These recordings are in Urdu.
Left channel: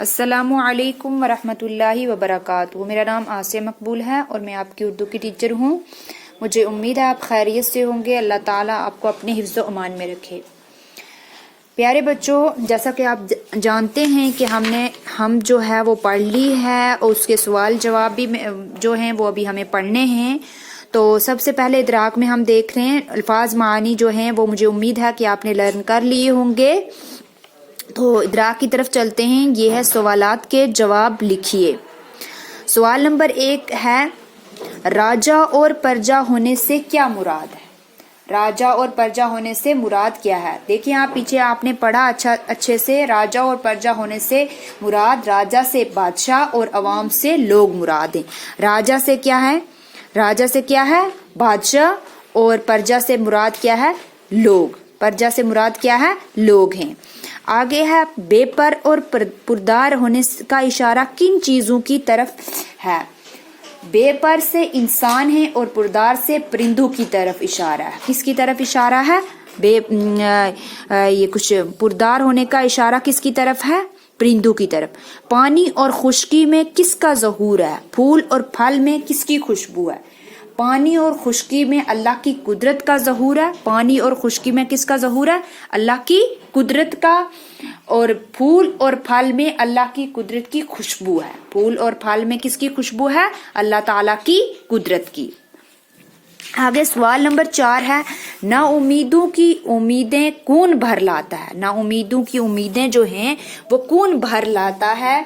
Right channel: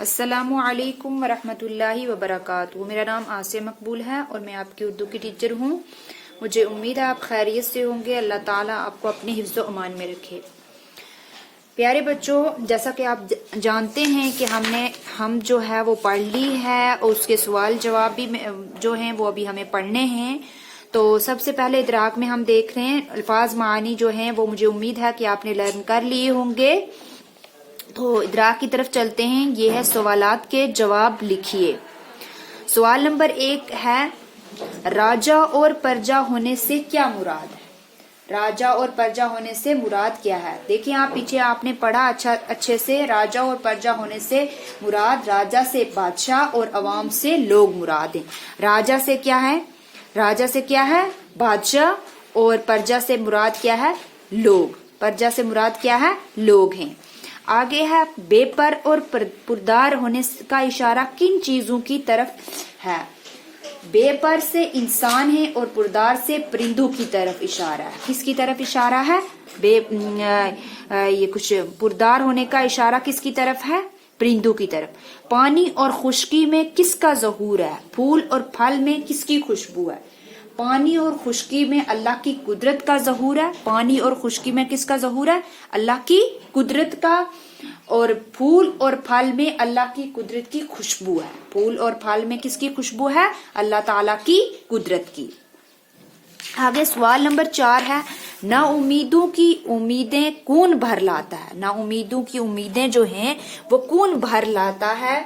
السلام علیکم ورحمۃ اللہ وبرکاتہ۔ میرا نام آسیہ مقبول ہے اور میں آپ کی اردو کی ٹیچر ہوں۔ مجھے امید ہے آپ خیریت سے ہوں گے۔ اللہ تعالیٰ آپ کو اپنے حفظ و امان میں رکھے۔ پیارے بچوں، جیسا کہ آپ جانتے ہیں کہ ہم جو ہے وہ پڑھ لی ہے اور اس کے سوال جواب بھی جو ہیں وہ ابھی ہمیں پڑھنے ہیں۔ تو سب سے پہلے ادراک میں ہم دیکھ رہے ہیں الفاظ معانی جو ہیں وہ مجھے امید ہے کہ آپ نے لرن کر لیے ہوں گے۔ تو ادراک کی طرف چلتے ہیں۔ یہ ہے سوالات کے جواب لکھیے۔ سوال نمبر 1 ہے راجا اور پرجا ہونے سے کیا مراد ہے؟ راجا اور پرجا ہونے سے مراد کیا ہے؟ دیکھیں آپ پیچھے آپ نے پڑھا اچھے سے۔ راجا اور پرجا ہونے سے مراد راجا سے بادشاہ اور عوام سے لوگ مراد ہیں۔ راجا سے کیا ہے؟ راجا سے کیا ہے؟ بادشاہ، اور پرجا سے مراد کیا ہے؟ لوگ۔ پرجا سے مراد کیا ہے؟ لوگ ہیں۔ آگے ہے بے پر اور پردار ہونے کا اشارہ کن چیزوں کی طرف ہے؟ بے پر سے انسان ہے اور پردار سے پرندوں کی طرف اشارہ ہے۔ کس کی طرف اشارہ ہے؟ یہ کچھ پردار ہونے کا اشارہ کس کی طرف ہے؟ پرندوں کی طرف۔ پانی اور خشکی میں کس کا ظہور ہے؟ پھول اور پھل میں کس کی خوشبو ہے؟ پانی اور خشکی میں اللہ کی قدرت کا ظہور ہے۔ پانی اور خشکی میں کس کا ظہور ہے؟ اللہ کی قدرت کا۔ اور پھول اور پھل میں اللہ کی قدرت کی خوشبو ہے۔ پھول اور پھل میں کس کی خوشبو ہے؟ اللہ تعالی کی قدرت کی۔ آگے سوال نمبر 4 ہے نا امیدوں کی امیدیں کون بھر لاتا ہے؟ نا امیدوں کی امیدیں جو ہیں وہ کون بھر لاتا ہے؟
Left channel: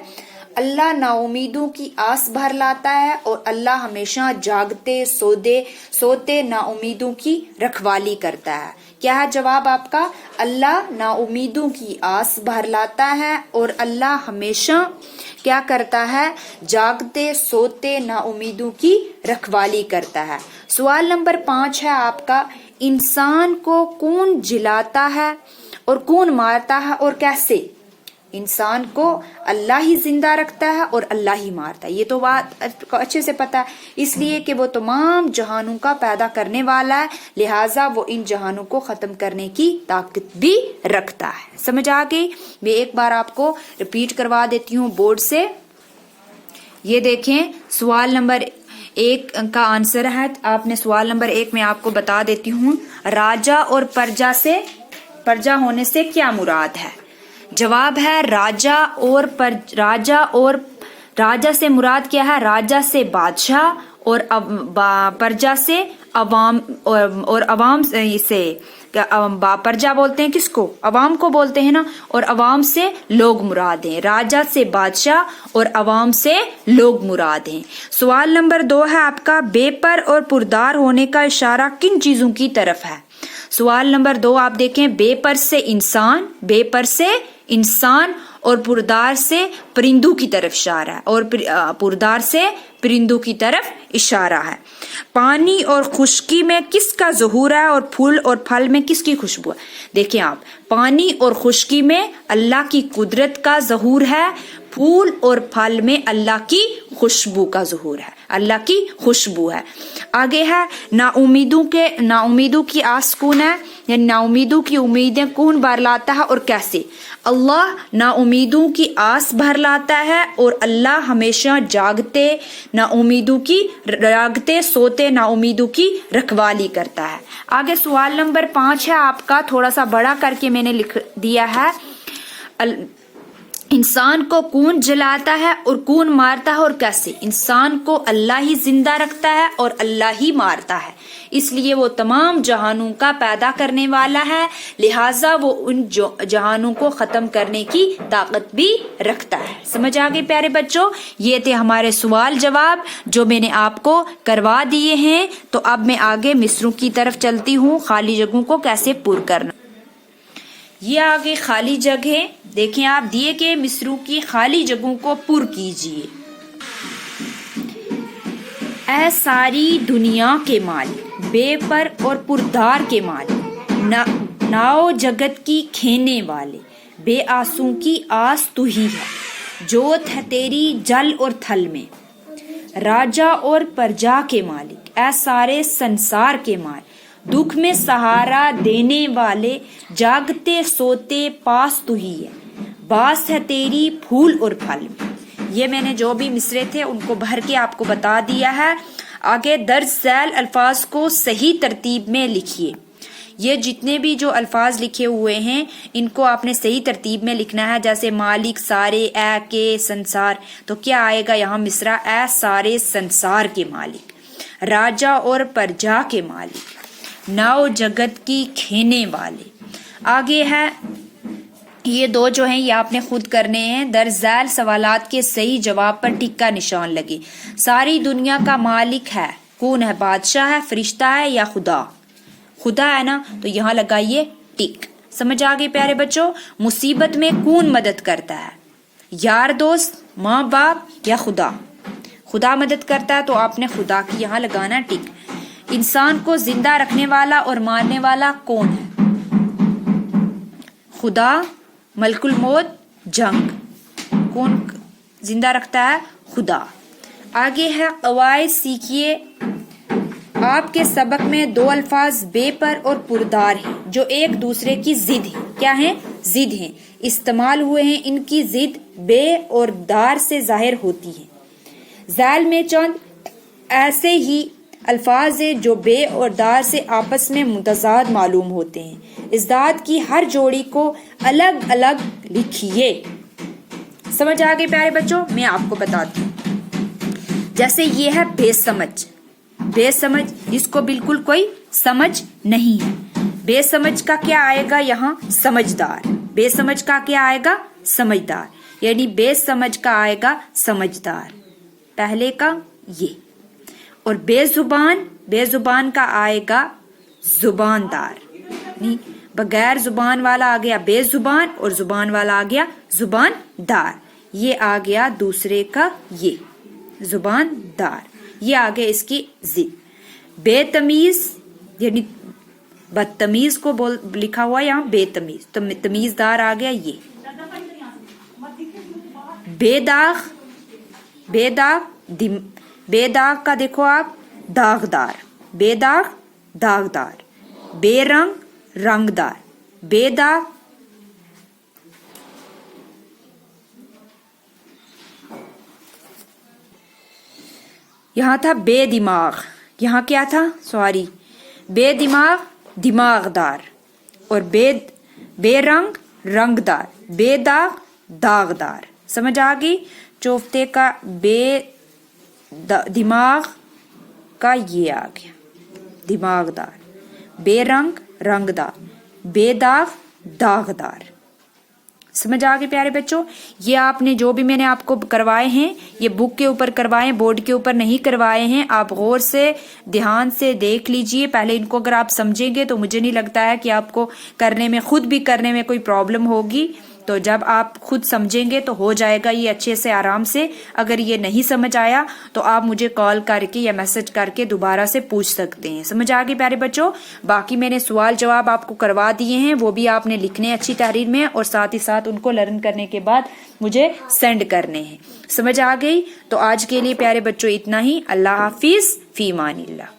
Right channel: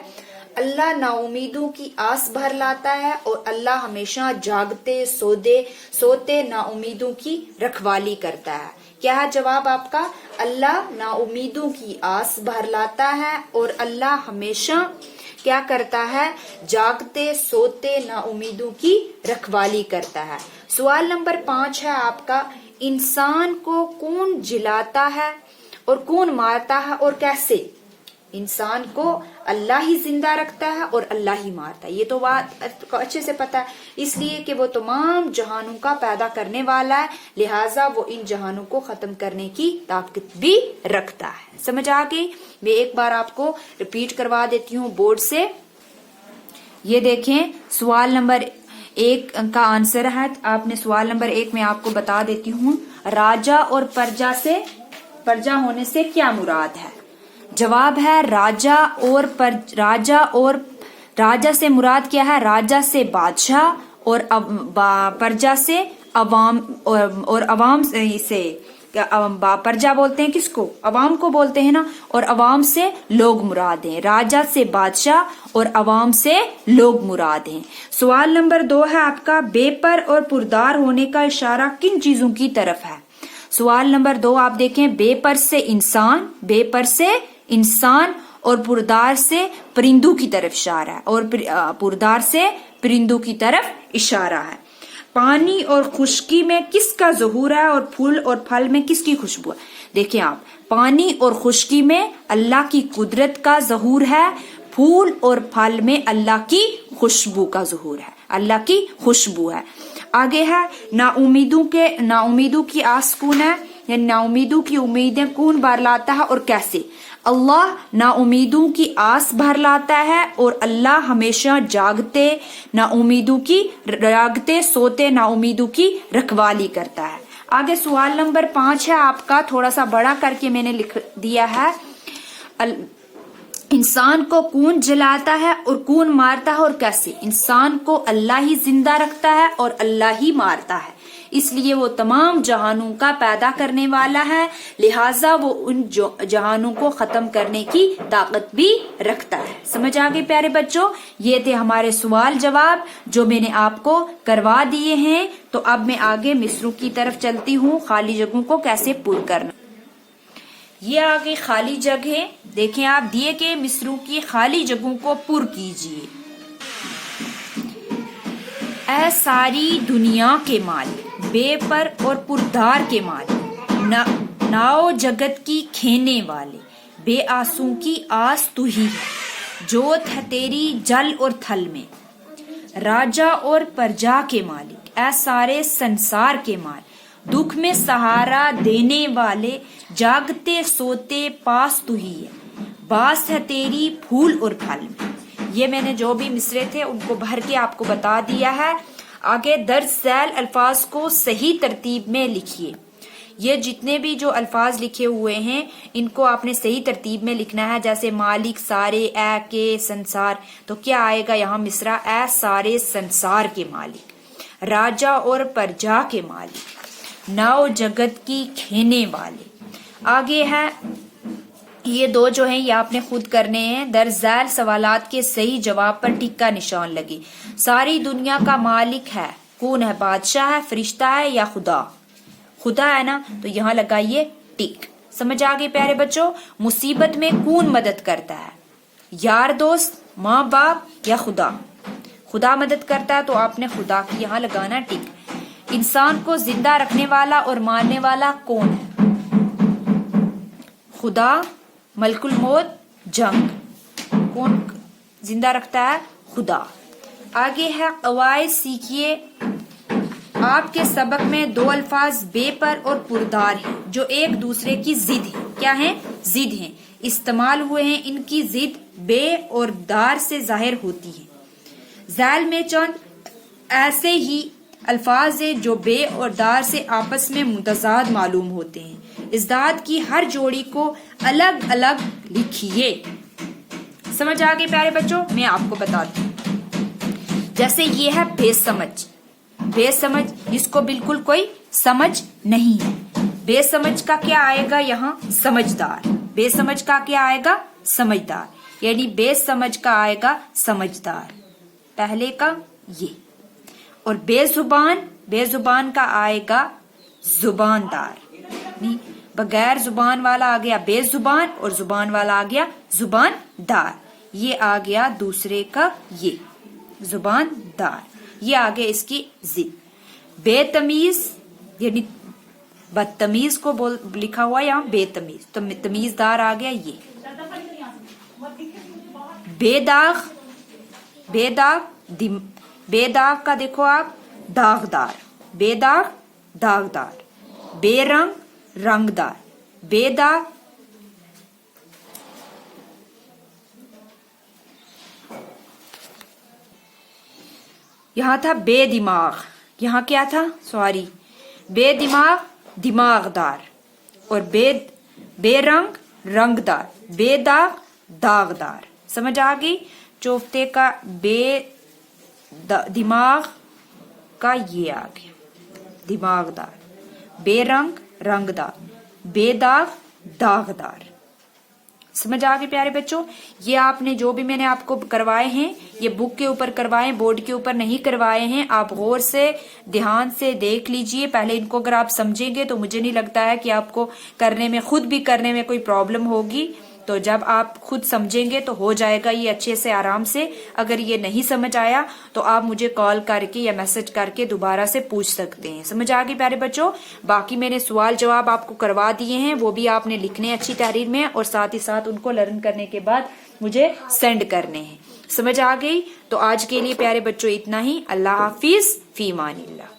اللہ نا امیدوں کی آس بھر لاتا ہے، اور اللہ ہمیشہ جاگتے سوتے نا امیدوں کی رکھوالی کرتا ہے۔ کیا ہے جواب آپ کا؟ اللہ نا امیدوں کی آس بھر لاتا ہے اور اللہ ہمیشہ کیا کرتا ہے؟ جاگتے سوتے نا امیدوں کی رکھوالی کرتا ہے۔ سوال نمبر 5 ہے آپ کا انسان کو کون جلاتا ہے اور کون مارتا ہے اور کیسے؟ انسان کو اللہ ہی زندہ رکھتا ہے اور اللہ ہی مارتا ہے۔ یہ تو بات اچھے سے پتا ہے، اس لیے کہ وہ تمام جہانوں کا پیدا کرنے والا ہے، لہٰذا وہ ان جہانوں کو ختم کرنے کی طاقت بھی رکھتا ہے۔ سمجھ آ گئی؟ میں ایک بار آپ کو ریپیٹ کروا دیتی ہوں بورڈ سے۔ یہ دیکھیں سوال نمبر 1 کا آنسر ہے۔ آپ نے سوال نمبر 1 میں آپ کو بتا دیتی ہوں راجا اور پرجا ہونے سے کیا مراد ہے؟ جواب ہے راجا سے مراد کیا ہے؟ راجا سے بادشاہ اور پرجا سے عوام، اور عوام سے پرجا بولتے ہیں کس کو؟ عوام کو بولتے ہیں نا، اور عوام سے لوگ مراد ہیں۔ راجا سے بادشاہ اور عوام سے لوگ مراد ہیں۔ سوال نمبر 2 ہے آپ کا بے پر اور پردار ہونے کا اشارہ کن چیزوں کی طرف ہے؟ سوال نمبر 2 آپ دیکھیں بے پر سے انسان اور پردار سے پرندوں کی طرف اشارہ ہے، اور پردار سے پرندوں کی طرف اشارہ ہے۔ پانی اور خشکی میں کس کا ظہور ہے اور پھول اور پھل میں کس کی خوشبو ہے؟ دیکھیں آپ پانی اور خشکی میں اللہ کی قدرت کا ظہور ہے، پھول اور پھل میں اللہ کی خوشبو کا ظہور ہے، اللہ کی خوشبو ہے۔ آگے ہے نا امیدوں کی آس کون ہے؟ یعنی نا امیدوں کی امیدیں کون بھر لاتا ہے اور کیسے؟ اللہ نا امیدوں کی آس بھر لاتا ہے، اور اللہ ہمیشہ جاگتے سوتے نا امیدوں کی رکھوالی کرتا ہے۔ آگے سوال نمبر 5 ہے آپ کا، تھوڑا سا بڑا کر کے میں نے لکھ دیا ہے انسان کو کون جلاتا ہے اور کون مارتا ہے اور کیسے؟ انسان کو اللہ ہی زندہ رکھتا ہے اور اللہ ہی مارتا ہے، اس لیے وہ تمام جہانوں کا پیدا کرنے والا ہے، لہٰذا وہ ان جہانوں کو ختم کرنے کی طاقت بھی رکھتا ہے۔ سمجھ آگے پیارے بچوں؟ یہ تھے ہمارے سوال جواب جو میں نے آپ کو کروا دیے ہیں۔ تو اب میں آگے مصروں کی طرف چلتی ہوں، خالی جگہوں کو کیسے پر کرنا۔ یہ آگے خالی جگہ دیکھیں آپ، دیے کہ مصروں کی خالی جگہوں کو پر کیجیے۔ اے ساری دنیا کے مالک، بے پر اور پردار کے مالک، ناؤ جگت کی کھینے والے، بے آسوں کی آس تو ہی ہے، جوت ہے تیری جل اور تھل میں، راجا اور پرجا کے مالک، اے سارے سنسار کے مالک، دکھ میں سہارا دینے والے، جاگتے سوتے پاس تو ہی ہے، باس ہے تیری پھول اور پھل میں. یہ میں نے جو بھی مصرے تھے ان کو بھر کے آپ کو بتا دیا ہے. آگے درج ذیل الفاظ کو صحیح ترتیب میں لکھیے. یہ جتنے بھی جو الفاظ لکھے ہوئے ہیں ان کو آپ نے صحیح ترتیب میں لکھنا ہے. جیسے مالک سارے، اے کے سنسار، تو کیا آئے گا یہاں مصرع اے سارے سنسار کے مالک، راجا اور پرجا کے مالک، نو جگت کی کھینے والے. آگے ہے یہ دو جو ہیں یہ آپ نے خود کرنے ہیں. درج ذیل سوالات کے صحیح جواب پر ٹک کا نشان لگے. ساری دنیا کا مالک ہے کون ہے؟ بادشاہ ہے، فرشتہ ہے یا خدا؟ خدا ہے نا، تو یہاں لگائیے ٹک. سمجھ آگے پیارے بچوں؟ مصیبت میں کون مدد کرتا ہے؟ یار دوست، ماں باپ یا خدا؟ خدا مدد کرتا ہے تو آپ نے خدا کی یہاں لگانا ٹک. انسان کو زندہ رکھنے والا اور مارنے والا کون ہے؟ خدا، ملک الموت، جنگ. کون زندہ رکھتا ہے؟ خدا. آگے ہے قواعد سیکھیے. آپ کے سبق میں دو الفاظ بے پر اور پردار ہیں جو ایک دوسرے کی ضد ہیں. کیا ہیں؟ ضد ہیں. استعمال ہوئے ہیں. ان کی ضد بے اور دار سے ظاہر ہوتی ہے. ذیل میں چند ایسے ہی الفاظ ہیں جو بے اور دار سے آپس میں متضاد معلوم ہوتے ہیں. ازداد کی ہر جوڑی کو الگ الگ لکھیے. سمجھ آگے پیارے بچوں؟ میں آپ کو بتاتی ہوں. جیسے یہ ہے بے سمجھ. بے سمجھ جس کو بالکل کوئی سمجھ نہیں ہے. بے سمجھ کا کیا آئے گا یہاں؟ سمجھدار. بے سمجھ کا کیا آئے گا؟ سمجھدار. یعنی بے سمجھ کا آئے گا سمجھدار، پہلے کا یہ. اور بے زبان، بے زبان کا آئے گا زباندار. نہیں، بغیر زبان والا آ گیا بے زبان اور زبان والا آ گیا زبان دار. یہ آ گیا دوسرے کا یہ زبان دار. یہ آ گیا اس کی ضد. بے تمیز یعنی بدتمیز کو لکھا ہوا یہاں بے تمیز، تمیزدار آ گیا یہ. بے داغ، بے داغ، بے داغ کا دیکھو آپ داغدار. بے داغ داغدار. بے رنگ رنگدار. بے داغ یہاں تھا بے دماغ. یہاں کیا تھا؟ سوری، بے دماغ دماغدار. اور بے رنگ رنگدار. بے داغ داغدار. سمجھ آ گئی؟ چوفتے کا بے دماغ کا یہ آ گیا دماغدار. بے رنگ رنگدار. بے داغ داغدار. سمجھ آ گئی پیارے بچوں؟ یہ آپ نے جو بھی میں نے آپ کو کروائے ہیں یہ بک کے اوپر کروائے، بورڈ کے اوپر نہیں کروائے ہیں. آپ غور سے دھیان سے دیکھ لیجئے. پہلے ان کو اگر آپ سمجھیں گے تو مجھے نہیں لگتا ہے کہ آپ کو کرنے میں، خود بھی کرنے میں کوئی پرابلم ہوگی. تو جب آپ خود سمجھیں گے تو ہو جائے گا یہ اچھے سے آرام سے. اگر یہ نہیں سمجھ آیا تو آپ مجھے کال کر کے یا میسج کر کے دوبارہ سے پوچھ سکتے ہیں. سمجھ آ گئی پیارے بچوں؟ باقی میں نے سوال جواب آپ کو کروا دیے ہیں، وہ بھی آپ نے لکھنے اچھی تحریر میں، اور ساتھ ہی ساتھ ان کو لرن کرنے کے بعد مجھے سینڈ کرنے ہیں. سمجھ آ گئی؟ تو آج کے لیے پیارے بچوں اتنا ہی. اللہ حافظ، فی امان اللہ.